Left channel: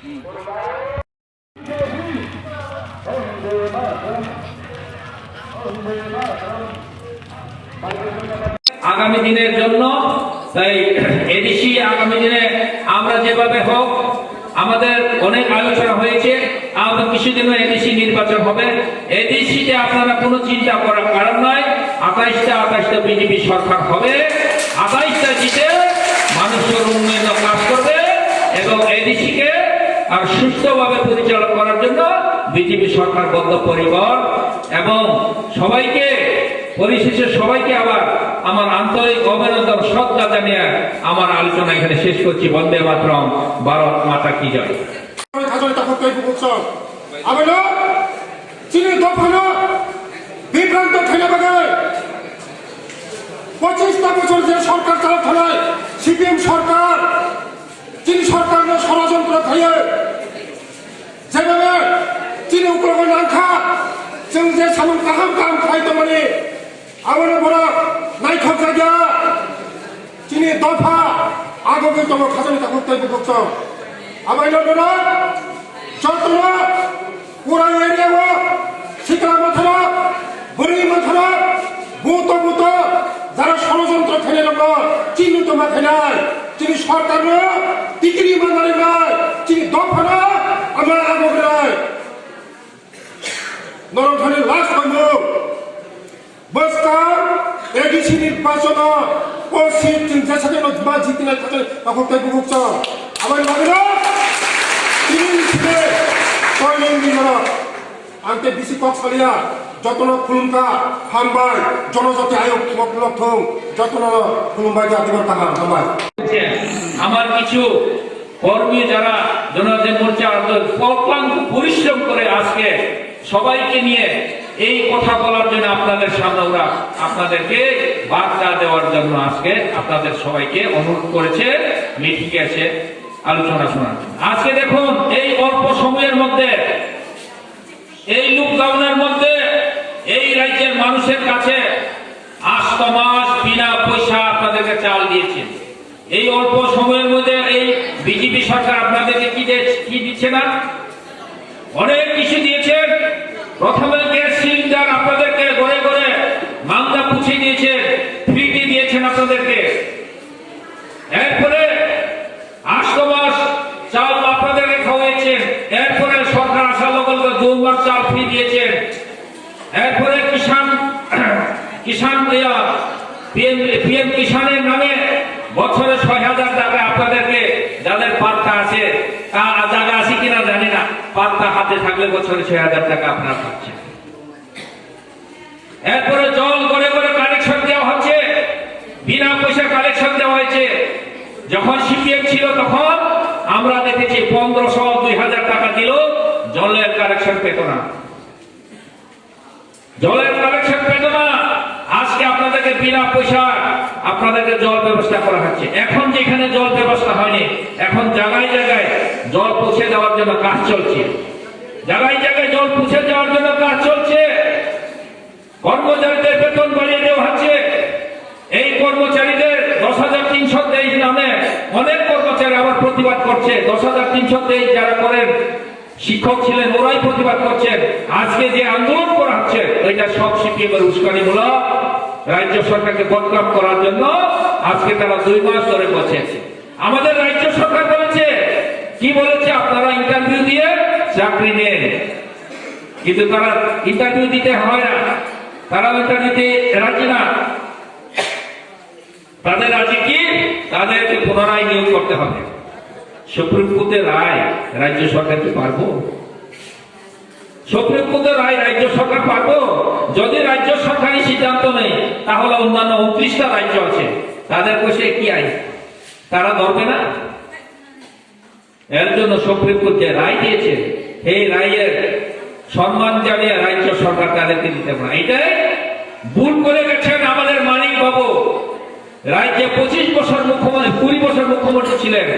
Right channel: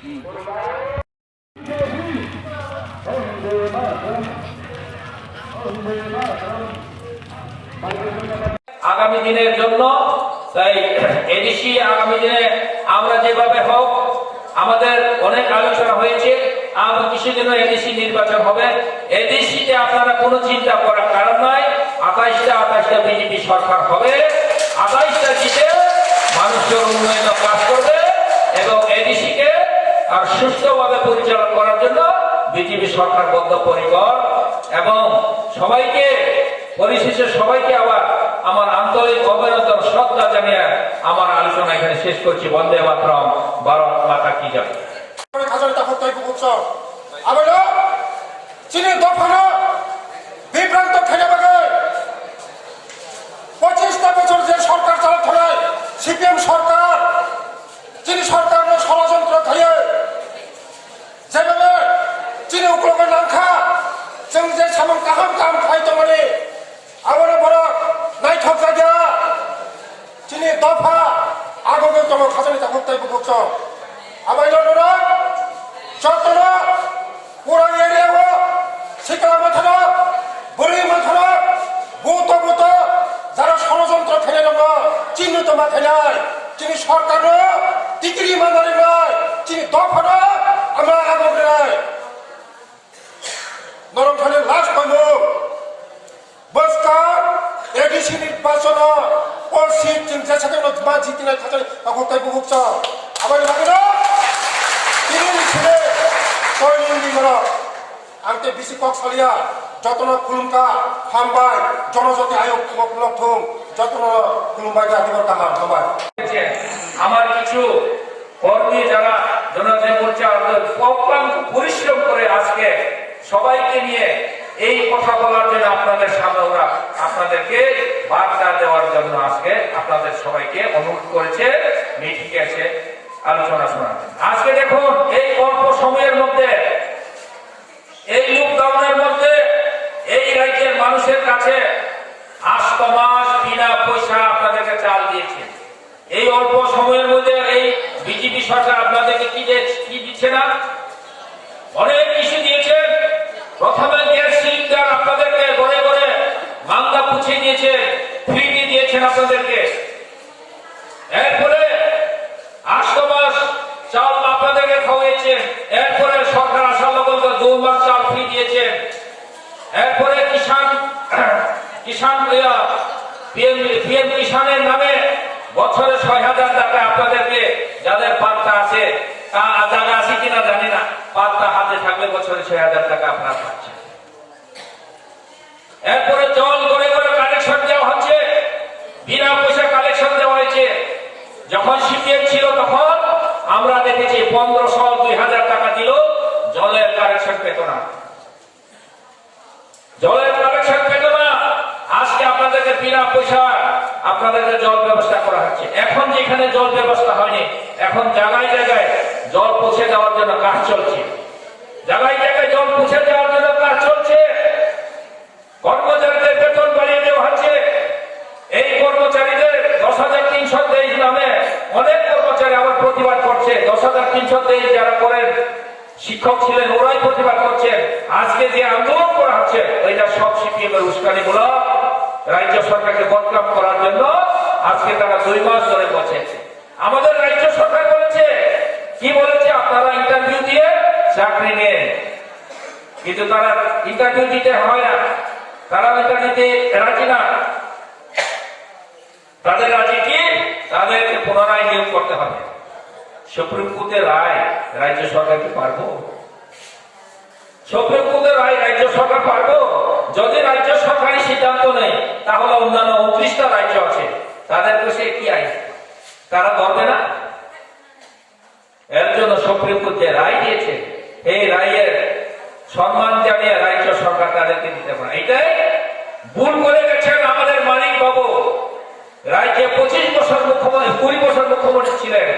আগামী দিনের জন্য তাই এদেশি আগামী দিনে আমরা যেভাবে হোক আমাদের অনেক আলোচনা হয়েছে, আমরা কিছুদিনে এদেশি নির্বাচন হবে। এদেশিতে আপনারা কোনো চিন্তা করার কারণ নাই। 28টা বিজেপি সরকার হবে, 28টা জিতে মানুষের উন্নয়ন কাজ করবে এবং এদেশিকে আর সুস্থভাবে পরিচালনা করার জন্য বিজেপি সরকার বদ্ধপরিকর। এবং সবাইকে পরিশেষে সবাইকে আবার আমার আন্তরিক অভিনন্দন শ্রদ্ধা জানিয়ে আমার আলোচনা এখানে শেষ করছি। বন্দে মাতরম, ভারত মাতা কি জয়। বিভ্রান্ত খেলে বাগায় 25টা বছর যে সরকার চালাতে হলে সিপিএম সরকার, চীন সরকারের ষড়যন্ত্র খেয়ে যেভাবে চীনে উপরে নাখা जों जे सामों गाहाम गाहाम खायदों माने आबानो बरा नायथावग्रा गैया दिनै दफा आगोगो दङ खाजानि थाखोखौ बुकसं आबायनो दङ जतनो पुरान एरियाव सिकला माथारा बुरै माथारा बुत बुत যারা ষড়যন্ত্র খেলে দङ চিহ্নিত মাথায় তিনি সরকারও টিকিরি মানারে নাই তিনি দফানো আমরা আগোগ্রায় নরমখানি লাশ পাইব বসকা এডিসি নির্বাচন ও সিট যেসাথে বা জিতিনাय थाखाय তাকতাय बुकसं आबाय लागोन তিনি ছেলে কয়নি মরা आंते बिसि कक्सालिया যতনা খুলুমকা হামবাই জনজাতি আয়োগ লক্ষং যতনা খুলুমবাই জাতির কাহার হামবাই। আমার কিছু কর্মী যারা জনজাতি মোর্চা অক্লান্ত পরিশ্রম করে আজকে সবাইকে নিয়ে এই কথা বলার জন্য আপনাদের সামনে ওরা আপনাদেরকে বার্তা দেওয়ার জন্য আজকে আপনাদের সবাইকে অনুরোধ করেছে মিটিংয়ে এসে আলোচনা শোনার। আজকে দেখুন এই অল্প সময়ের মধ্যে এই লকডাউনের মধ্যে এই রাজ্যের মানুষের কাছে 8 মাস বিনা পয়সা আপনাদেরকে চাল দিয়েছে। এই অল্প সময়ের মধ্যে এই বিজেপি সরকার আপনাদেরকে কি দিচ্ছে না, অনেক কিছু দিয়েছে। প্রথমে গ্যাস সিলিন্ডার আপনাদেরকে ঘরে ঘরে মাংদা পুছে দিয়েছে, ফ্রিতে দিয়েছেন আপনাদেরকে। এরপরে 8 মাস চাল আপনাদেরকে খাওয়াইছেন। এরপরে সরকার আসার লগে লগে 2 মাস চাল ফ্রি দিয়েছেন। এরপরে কিষান পিএম কিষানের নামে বছরে 6,000 টাকা আপনাদেরকে, যাদের পাত্তা আছে জায়গা আছে কিনা জানি না, পাত্তা হাতে থাকলে বছরে 6,000 টাকা আপনারা পাচ্ছেন। এরপরে জল গড়ে গড়ে কালেকশন দেওয়া হচ্ছে, বিনা পয়সা কালেকশন দেওয়া হয়েছে। যখন সিপিএম ছিল তখন আমরা দেখেছি 1500-2000 টাকা দিল, জলের কালেকশন পেত না, জলের কালেকশন পেত না। আজকে আপনাদেরকে বিনা পয়সা আপনাদেরকে জল ব্যবস্থা করা হচ্ছে। এখন যেখানে জল ব্যবস্থা হয়নি, এখন জায়গায় জায়গায় জল পৌঁছে দেওয়ার জন্য কাজ চলছে, জায়গায় জায়গায় জল পৌঁছে দেওয়ার জন্য কাজ চলছে। কর্মচারীদের বেতন বাড়িয়ে দেওয়া হচ্ছে। এই কর্মচারীদের 10,323 নামে অনেক কর্মচারী আবার প্রতিবাদ করছে। 10,323 যারা করেন শিক্ষক ছিলেন ওরাই প্রতিবাদ করছেন। আজকে যে আন্দোলন করা হচ্ছে এটা সব সিপিএম এর উস্কানিমূলক, রাজ্য সরকারকে বদনাম করার জন্য আজকে তারা 2 মাস ধরে বসেছে। আমাদের রাজ্য সরকার বলেছে, কি বলেছে, আপনারা ইন্টারভিউ দিয়ে চাকরি নেন, কিন্তু তারা ইন্টারভিউ দিতে হয় না, তারা ইন্টারভিউতে রাজি না। তাদের রাজি কি, তাদেরকে পুনরায় নিয়োগ করতে হবে। সুপ্রিম কোর্টের রায় রাজ্য সরকার কি পারবো? সুপ্রিম কোর্টের রায় রাজ্য সরকার পারবো? যদি রাজ্য সরকারই সিদ্ধান্ত নেই তাহলে অন্যান্য 29টা রাজ্য আছে, তাদের কাছে কি আইন, তারা ধরবে না? এর জন্য সুপ্রিম কোর্ট যে রায় দিয়েছে এই রায়ের সম্মান জানিয়ে রাজ্য সরকার তাদেরকে দিতে পারে। এটাই ভুল করে গেছেন আমাদের মানিক বাবু। রাজ্যে 25 বছর মুখ্যমন্ত্রী, 20 বছর মুখ্যমন্ত্রী ছিলেন,